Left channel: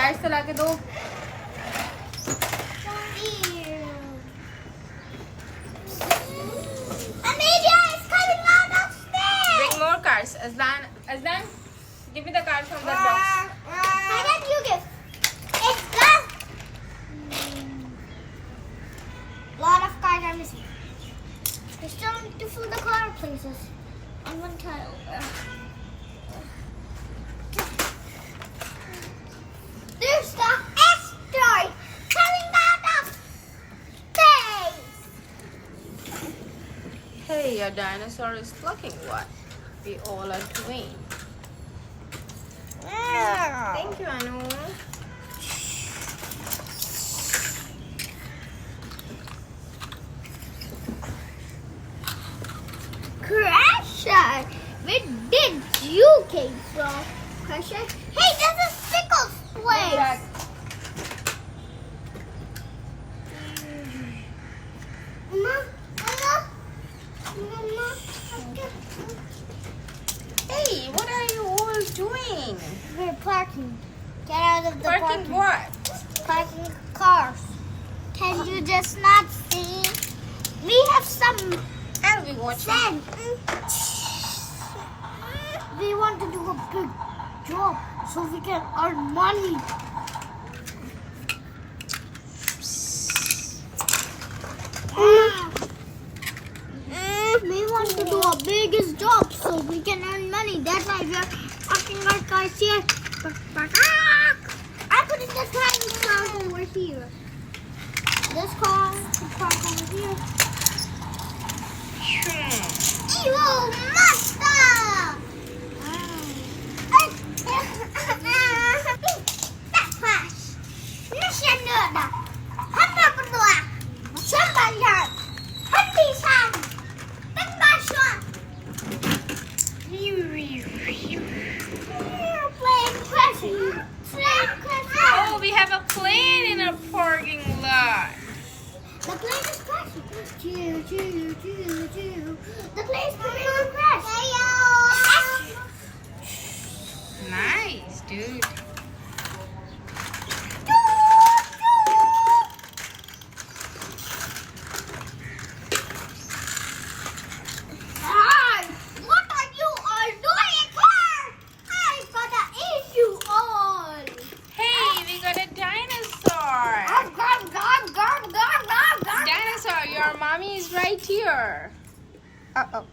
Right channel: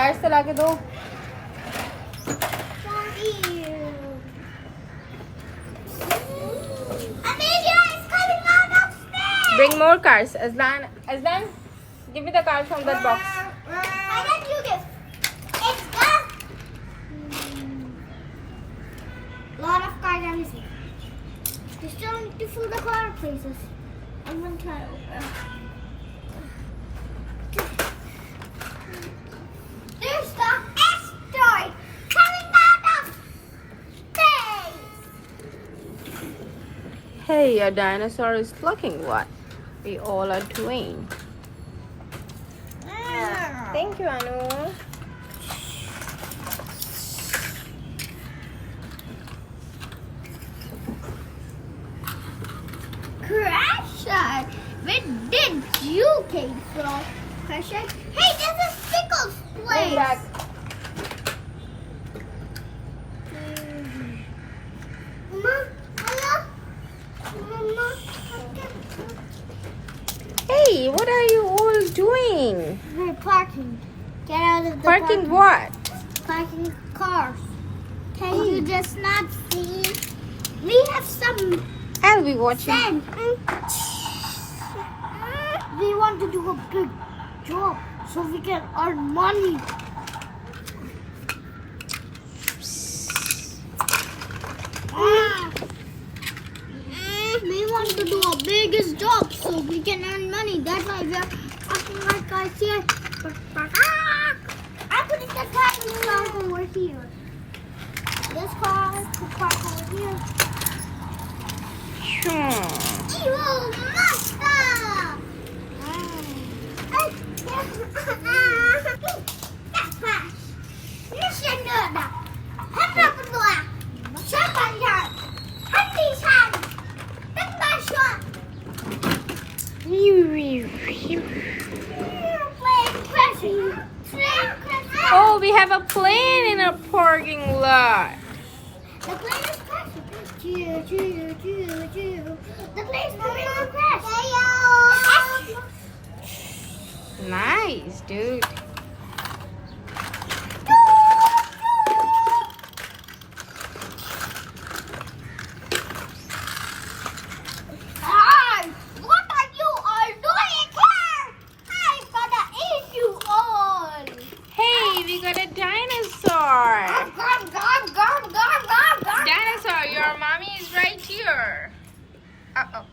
Light चला के दो. Bring more cars. Azlan, give me the card from that box. You give. It's done. Lot of cars are missing. We still need to fill the car places. On one tile. There's the asteroid coming out of space. Hey, your dinosaur is plucking what we all are doing. Thank you, Anu. Crasher, where did you came from? Crasher? Hey, that's a Pickles place. Mama, Hey, what are you all doing? we're parking. Get out of the Parking what? Parking cars. Can you just not see? We have some I'll be watching. sand. We want to do a big job so we can earn money. We want to do a biggest job so we can earn money. That's why we are parking our cars here. I'm putting the car over here. This car to park over here. Evil monster! That's fast. Mission done. Hãy subscribe cho kênh Ghiền Mì Gõ để không bỏ lỡ Oh, we have a plane in a parking lot. The plane is crashing. Choo, choo, choo, choo. The plane's coming to crash. Nice, dude. What are you all doing here? I'm gonna eat you all. Hey, we got a dinosaur. Gum, gum, gum, gum, gum, gum. Dinosaur, your mommy is right here. Uh-oh.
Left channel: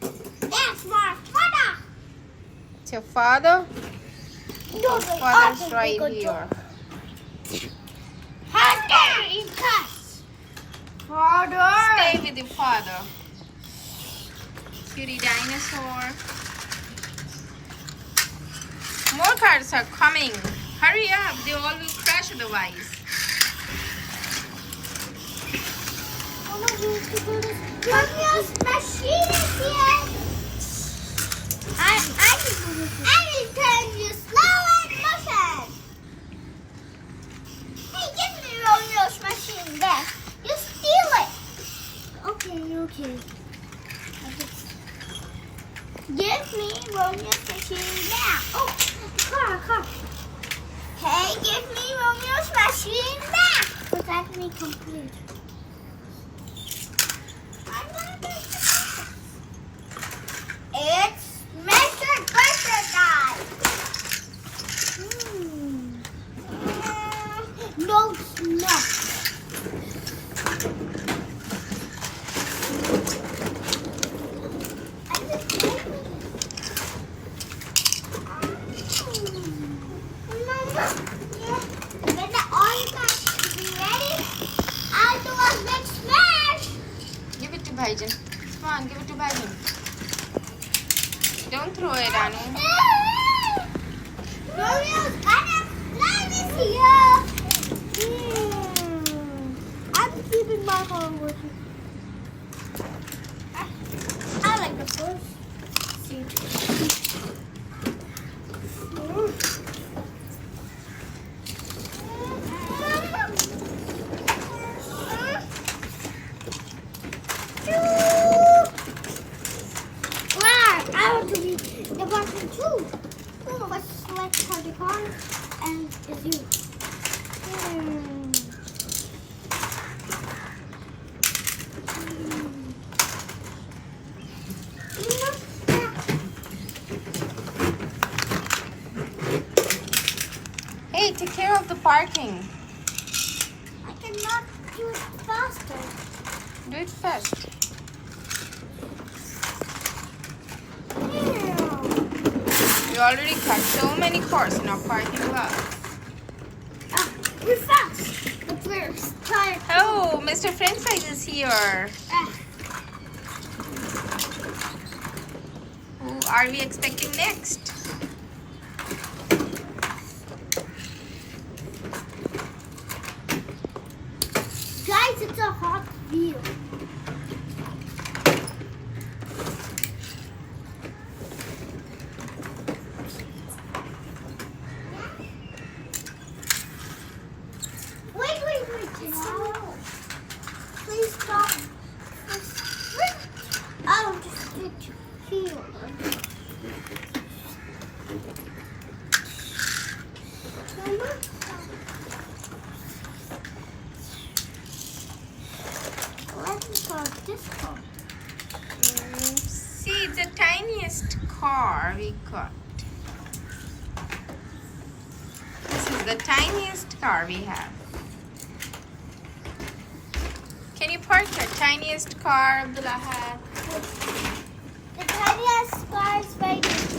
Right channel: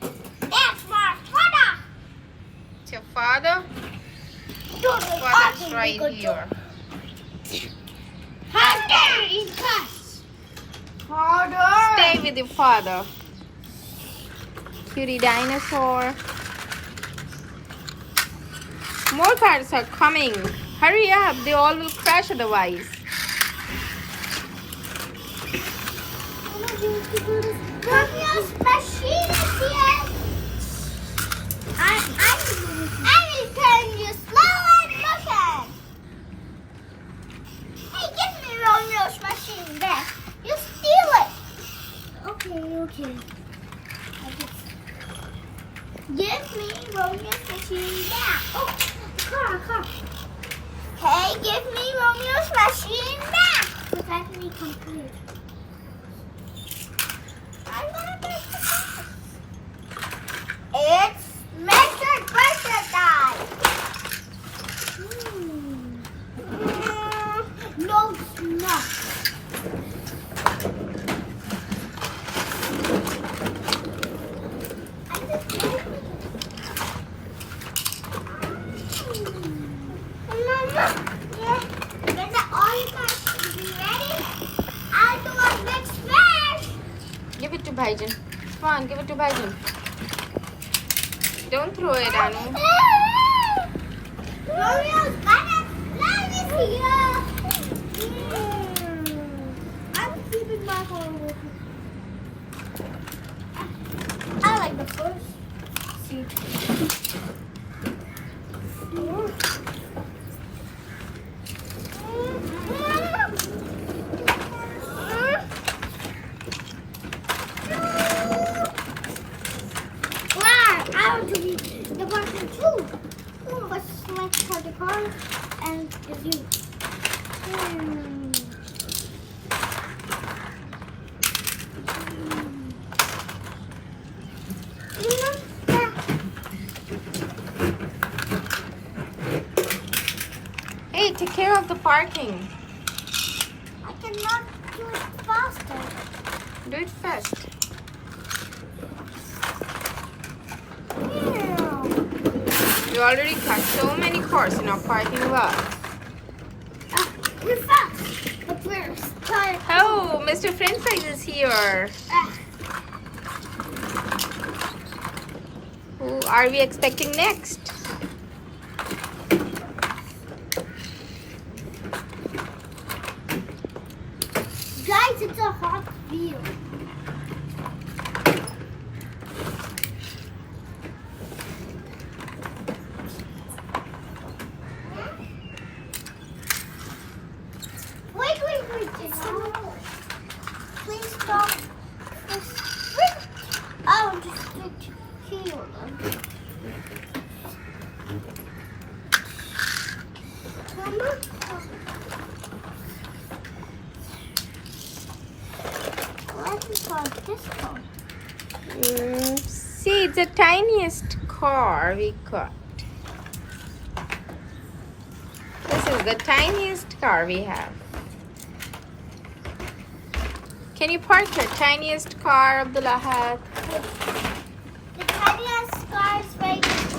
That's my father. It's your father? Father's right here. Father in class. Father. Stay with your father. Cutie dinosaur. More cars are coming. Hurry up, they all will crash otherwise. Romeo's machine is here. I will tell you slow and motion. Hey, give me Romeo's machine back. You steal it. Okay. Give me Romeo's machine back. Oh, car. Hey, give me Romeo's machine back. Was that me complete? It's Mr. Pressure Guy. No, it's not. When the oil is ready, I'll do a big smash. Give it to Baijan. Come on, give it to Baijan. Don't throw it, Anu. Romeo's banana is here. I'm keeping my phone with me. I like the first seat. Wow, I want to be the person too. First select for the car and is you. Hey, take care of the parking. I cannot do it faster. Do it fast. We already got so many cars in our parking lot. We're fast, but we're tired. Oh, Mr. French fries is here. Who are we expecting next? Guys, it's a hot wheel. Wait. Please stop. Oh, just put here. Mama? What is this one? See, it's the tiniest car we got. This is the tiniest car we have. Can you park your tiniest car, Abdul Ahad? The tiniest car is right here.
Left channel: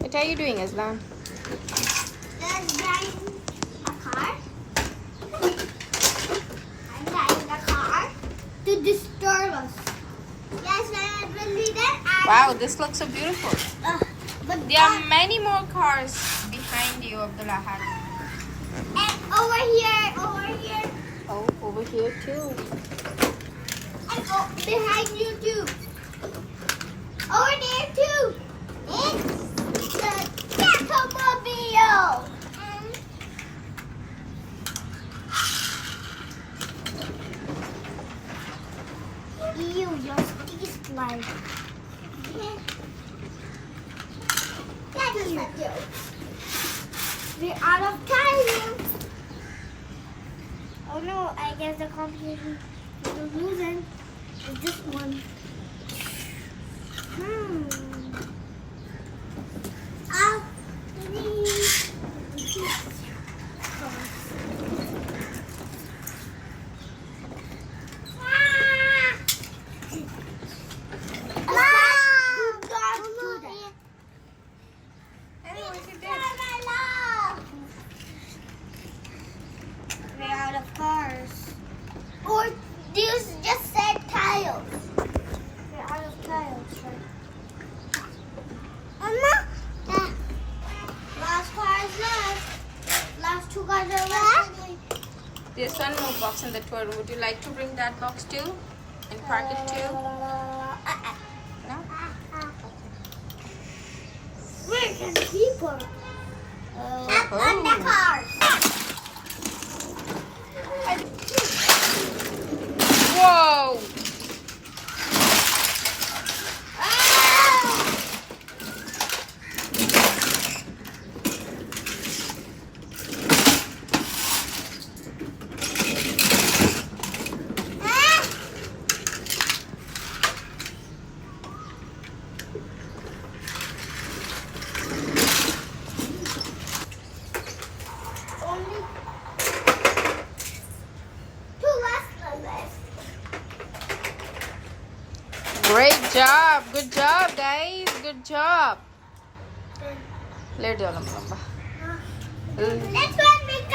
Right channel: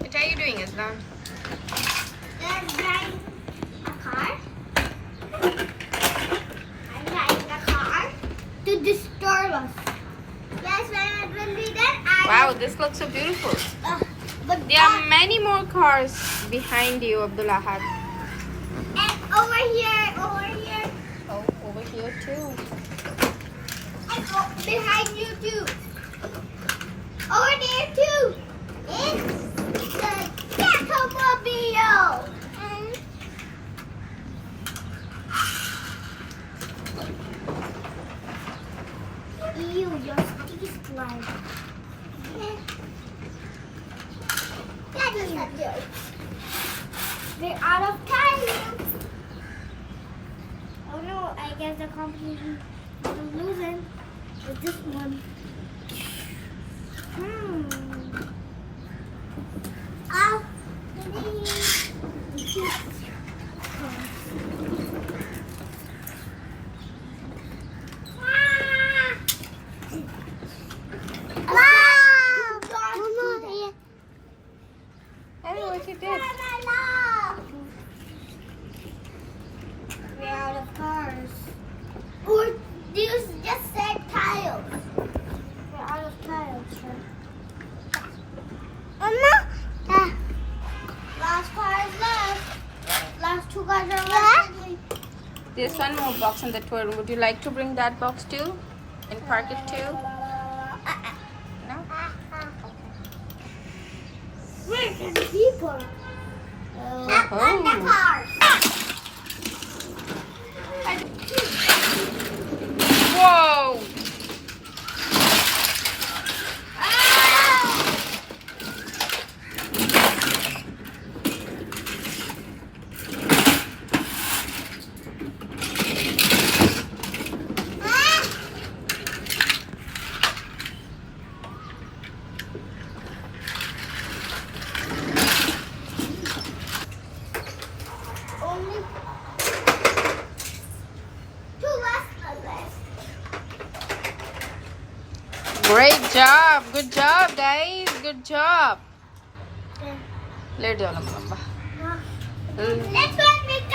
What are you doing, Azlan? Let's drive a car. I'm driving a car to disturb us. Yes, when we done, Wow, this looks so beautiful. but There are many more cars behind you, Abdul Ahad. and over here. Oh, over here too. And behind you too. Over there too. It's the Catmobile. Ew, your sticky slide. Daddy, we're out of time. Oh no, I guess the competition is losing with this one. Hey, what you did? We're out of cars. Or just said tiles. We're out of tiles, right? Last car is left. Last two cars are left. There's one more box in the toy room. Would you like to bring that box too? And park it too? No? Where can people? Oh. Whoa! Only two left. Great job. Good job, guys. Good job. Let go, lamba. Let's go and make